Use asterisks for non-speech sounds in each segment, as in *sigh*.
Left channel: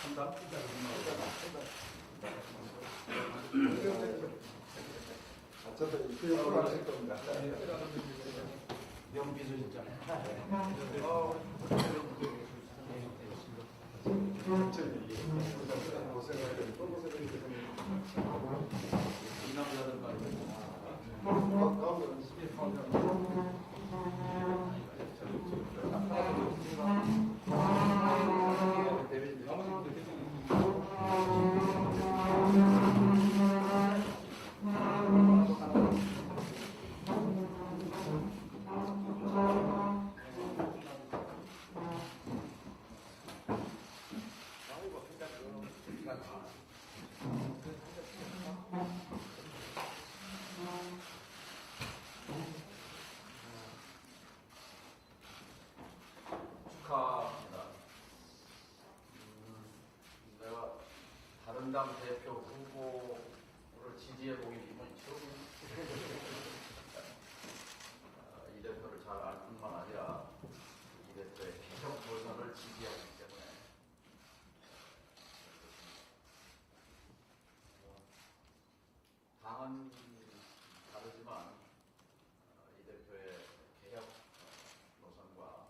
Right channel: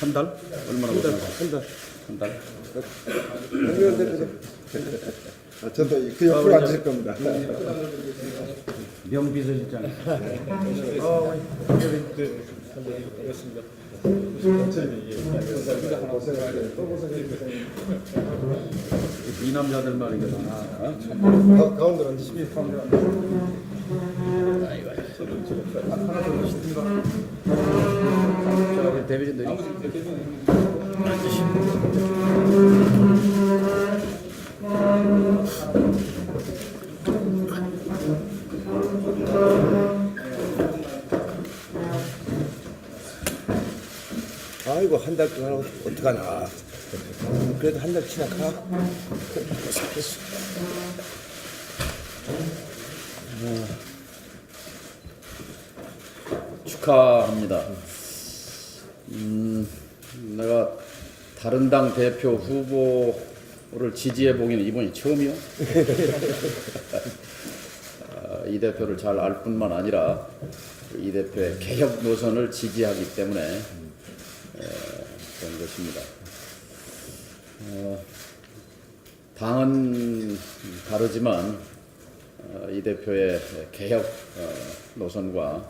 한 달? 얼마나 한 달? 한 달. 한 달. 아, 저도 그 옆으로 앉을 겁니다. 명비서실장. 이 남자들만 이게 다. 어? 가운데로 앉으시면 자, 대변인들이. 아 이고 한 달 동안 어떡하나. 그래도 한달 지나가. 축하합니다. 음, 내가 다른 당 대표 후보를 지지해 보기는 이번이 처음이요. *laughs* 아, 이 대표를 잘 알 뿐만 아니라 이 대표의 개혁 노선을 지지하기 때문에 것입니다. 어, 당은 다르지만 어, 이 대표의 개혁 어, 노선과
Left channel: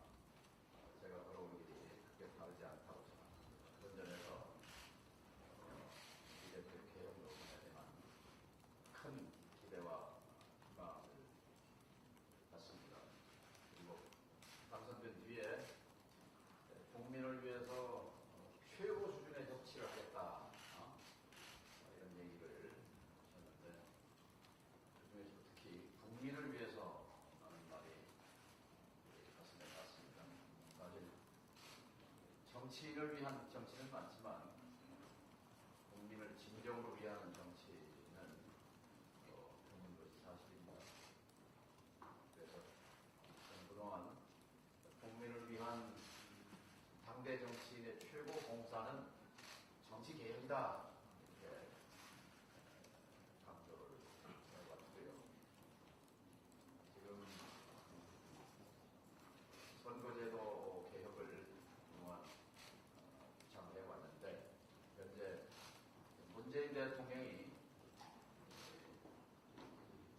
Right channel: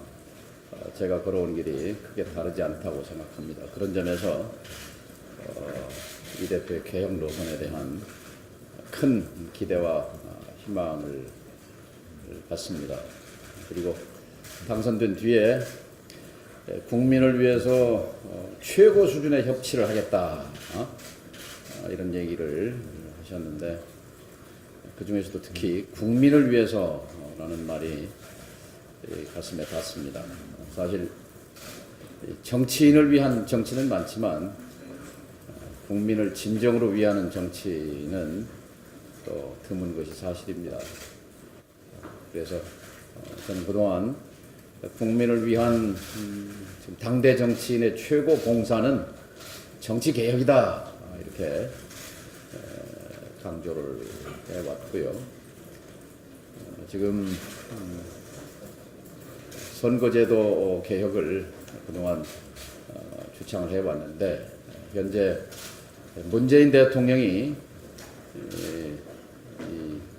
어, 제가 걸어온 길이 크게 다르지 않다고 생각합니다. 그런 점에서 어, 이 대표의 개혁 노선에 대한 큰 기대와 어, 희망을 갖습니다. 그리고 당선된 뒤에 예, 국민을 위해서 어, 최고 수준의 협치를 하겠다 어? 어, 이런 얘기를 하셨는데 그 중에서도 특히 국민을 위해서라는 말이 이 가슴에 닿습니다. 사실 이 정치인을 위한 정치는 많지만 어, 국민을 진정으로 위하는 정치는 또 드문 것이 사실입니다. 그래서 어, 저는 그동안 국민을 위한 음, 당대 정치인의 최고 봉사는 정치 개혁이다 아, 이렇게 에, 강조를 해왔고요. 어, 지금 음, 선거제도 개혁을 그동안 어, 주창을 해왔는데 현재 문재인 대통령이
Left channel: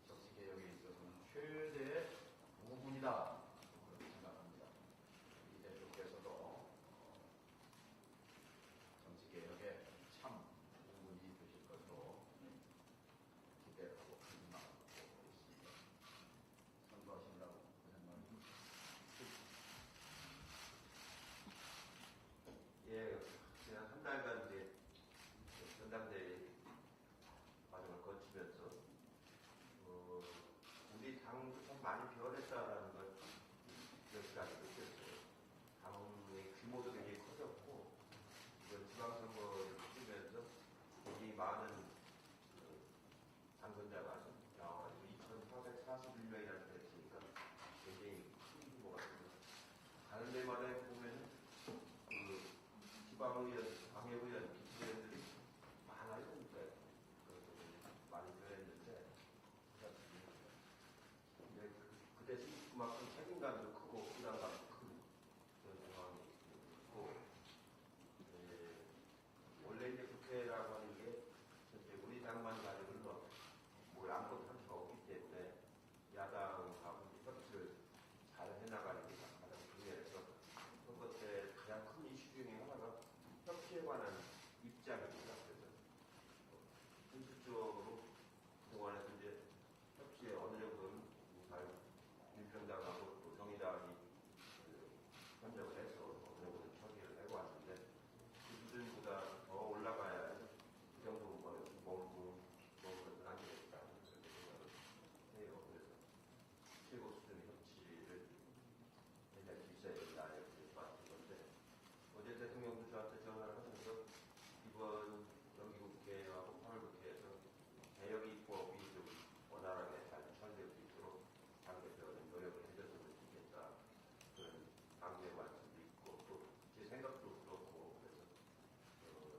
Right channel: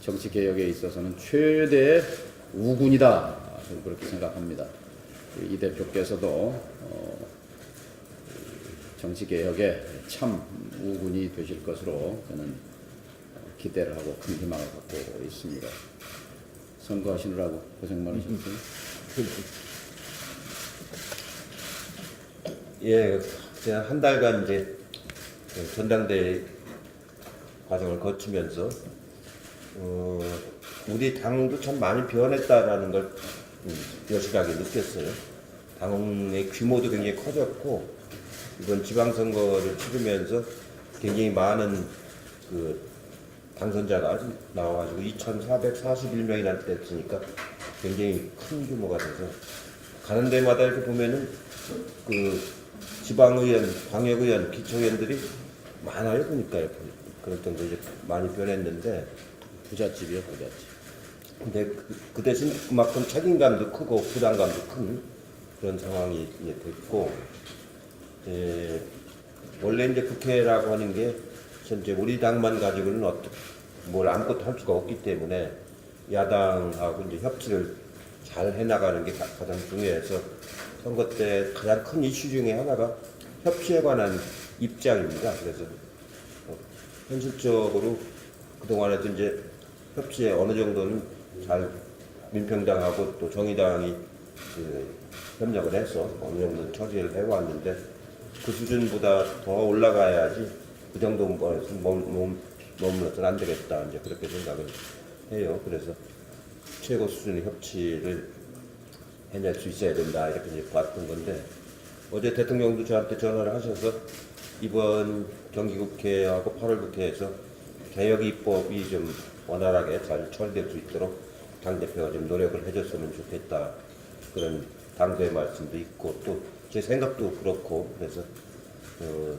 정치 개혁에 있어서는 최대의 우군이다 저는 그렇게 생각합니다. 이 대표께서도 어, 정치 개혁에 참 우군이 되실 것으로 저는 기대를 하고 큰 희망을 갖고 있습니다. 선거하시느라고 고생 많으셨어요. 예, 제가 한 달간 이제 그 전당대회 과정을 거치면서 어, 우리 당도 참 많이 변했다라는 걸 음, 여실하게 느꼈어요. 당의 규모도 굉장히 커졌고 이번 지방선거를 치르면서 굉장히 많은 그 당선자가 나와가지고 2,441명이나 됐으니까 굉장히 큰 규모가 돼서 가는 데마다 이렇게 보면은 그 지방의원, 광역의원, 기초의원들이 많아요. 보니까 그럴 정도 이제 많이 변했는데 부잣집이요, 부잣집. 근데 그, 그 대신 그만큼 책임감도 크고 부담감도 큰 그런 상황이 이제 됐고 예, 원래 이제 국회라고 하는 게 현재 우리 당만 가지고는 어떻게 뭘 아무것도 할 수가 없기 때문에 야당하고 이제 협치를 잘 해나가는 게 가- 가장 중요해서 선거 때 가장 큰 이슈 중에 하나가 협치에 관한 입장입니다. 그래서 어, 현실적으로 그동안에도 이제 협치에 어느 정도는 잘 민평당하고 또 정의당이 그 협력을 해서 어느 정도 처리를 해왔는데 그 수준보다 더 올라가야지 그 정도 머물러서는 안 되겠다 이제 그렇게 생각을 해요. 그래서 최고 수준의 협치를 해낼 수 있어야 된다 이렇게 이제 봤던 건데 어제 대통령도 저한테 전화를 하셔서 이번 정기국회하고 8월 국회에서 개혁 입법이 좀 원활하게 잘 처리될 수 있도록 당 대표가 좀 노력을 해줬으면 좋겠다. 그런 당부의 말씀도 있고 또 제 생각도 그렇고 그래서 어,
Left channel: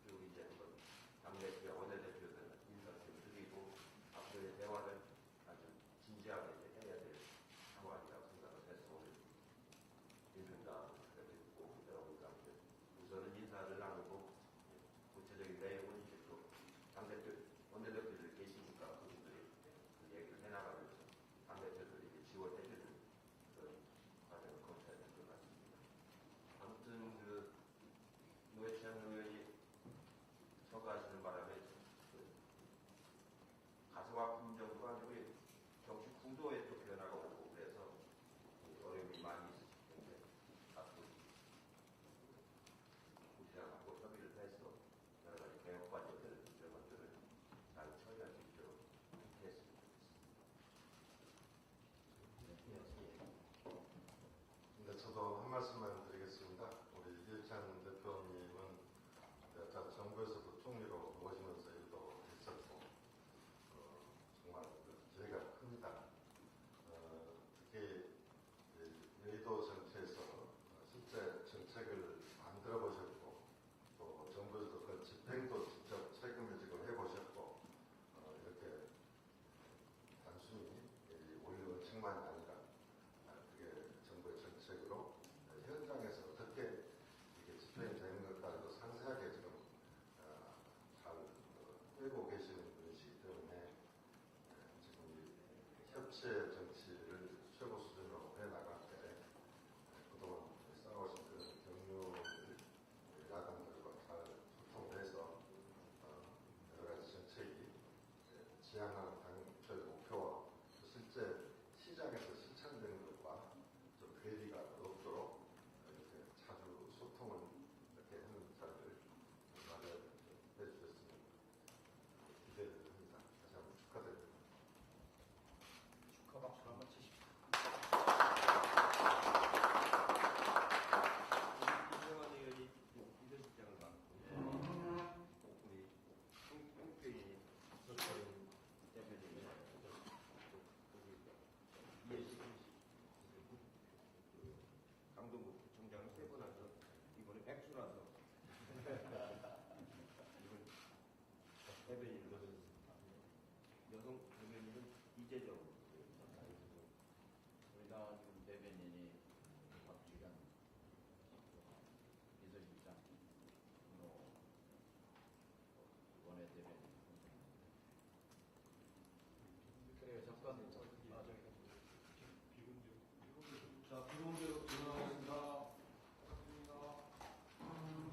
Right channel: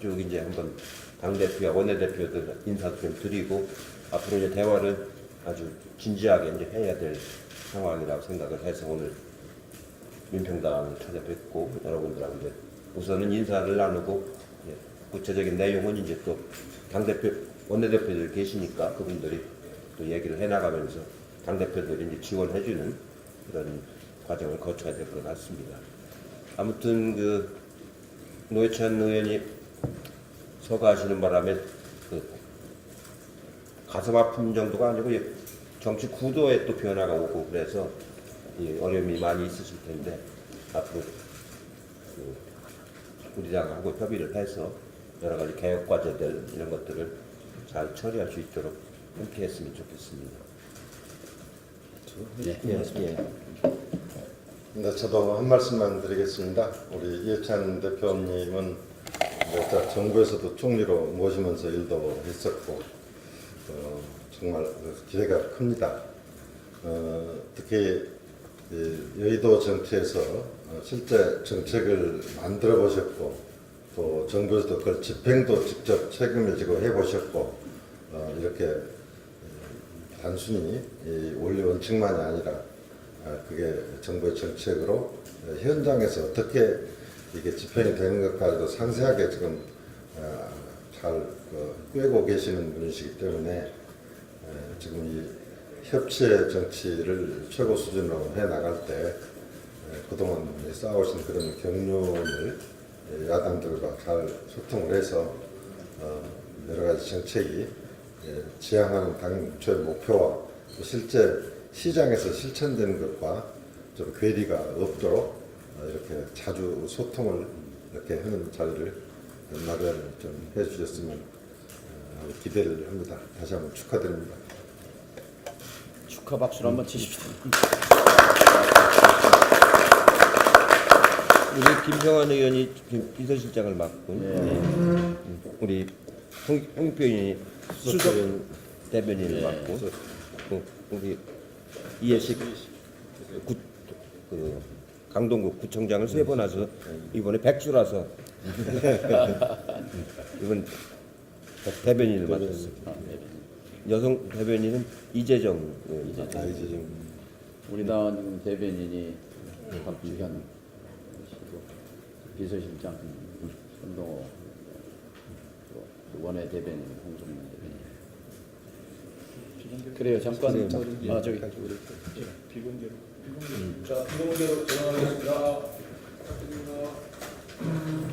쭉 이제 한번 당 대표와 원내 대표들 인사도 좀 드리고 앞으로 이제 대화를 아주 진지하게 이제 해야 될 상황이라고 생각을 해서 오늘 민평당을 찾아뵙고 여러분들하고 이제 우선은 인사를 나누고 예, 구체적인 내용은 이제 또 당대표 원내대표들 계시니까 그분들이 또 얘기를 해나가면서 당대표들이 이제 지원해주는 그런 과정을 거쳐야 될 것 같습니다. 아무튼 그 노회찬 의원이 서가하시는 바람에 그 가슴 아픈 정도가 아니고 이 정치 구도에 또 변화가 오고 그래서 이 어려움이 많이 있으실 텐데 앞으로 그 우리 당하고 협의를 해서 여러 가지 개혁 과제들 이런 것들을 잘 처리할 수 있도록 함께 했으면 좋겠습니다. 예. 예, 예. 네, 저도 한 말씀만 드리겠습니다. 우리 이해찬 대표님은 이제 자- 정부에서도 총리로 모시면서 일도 했었고 어, 정말 기대가 큽니다. 어, 특히 이 여의도 정치에서 어, 실제 정책을 만들어 보셨고 또 정부에서도 그걸 집행도 직접 책임을 지고 해보셨고 어, 이렇게 단순히 이 원리 원칙만이 아니라 아, 그게 정부의 정책으로 어, 현장에서 어떻게 이게 집행이 되는 것까지도 상세하게 지금 아, 잘 그, 꿰고 계시는 분이시기 때문에 에, 지금 이 협치의 정치를 최고 수준으로 해 나갈 때 에, 그동안 쌓아오신 그런 경륜을 에, 야당들과 잘 소통을 해서 어, 여러 가지 정책이 예, 지향하는 당초의 목표와 또 실제 시장에서 실천되는 것과 좀 괴리가 없도록 어, 이렇게 자주 소통을 이렇게 하는 자리를 마련을 좀 해주셨으면 어, 하는 기대를 합니다. 다시 한번 축하드립니다. 축하 박수를 한번 치십시오. 우리 김평환 의원이 지금 비서실장을 맡고 예. 음, 우리 홍, 홍표 의원이 수석 대변인을 예. 맡고 그 우리 이해식 구, 그 강동구 구청장을 세번 하서 이번에 백주라서 *laughs* 이번 대변인을 맡았어요. 아, 네. 여성 대변인은 이재정 의원. 아, 이제 좀 우리 당 대변인이 박주현 비서실장 손동호 또 원외 대변인 홍성민. 그래요. 잠깐 네, 뭐, 아 예. 저기 예, 비공개로. 음. 자 비공개로 전환하겠습니다. 음.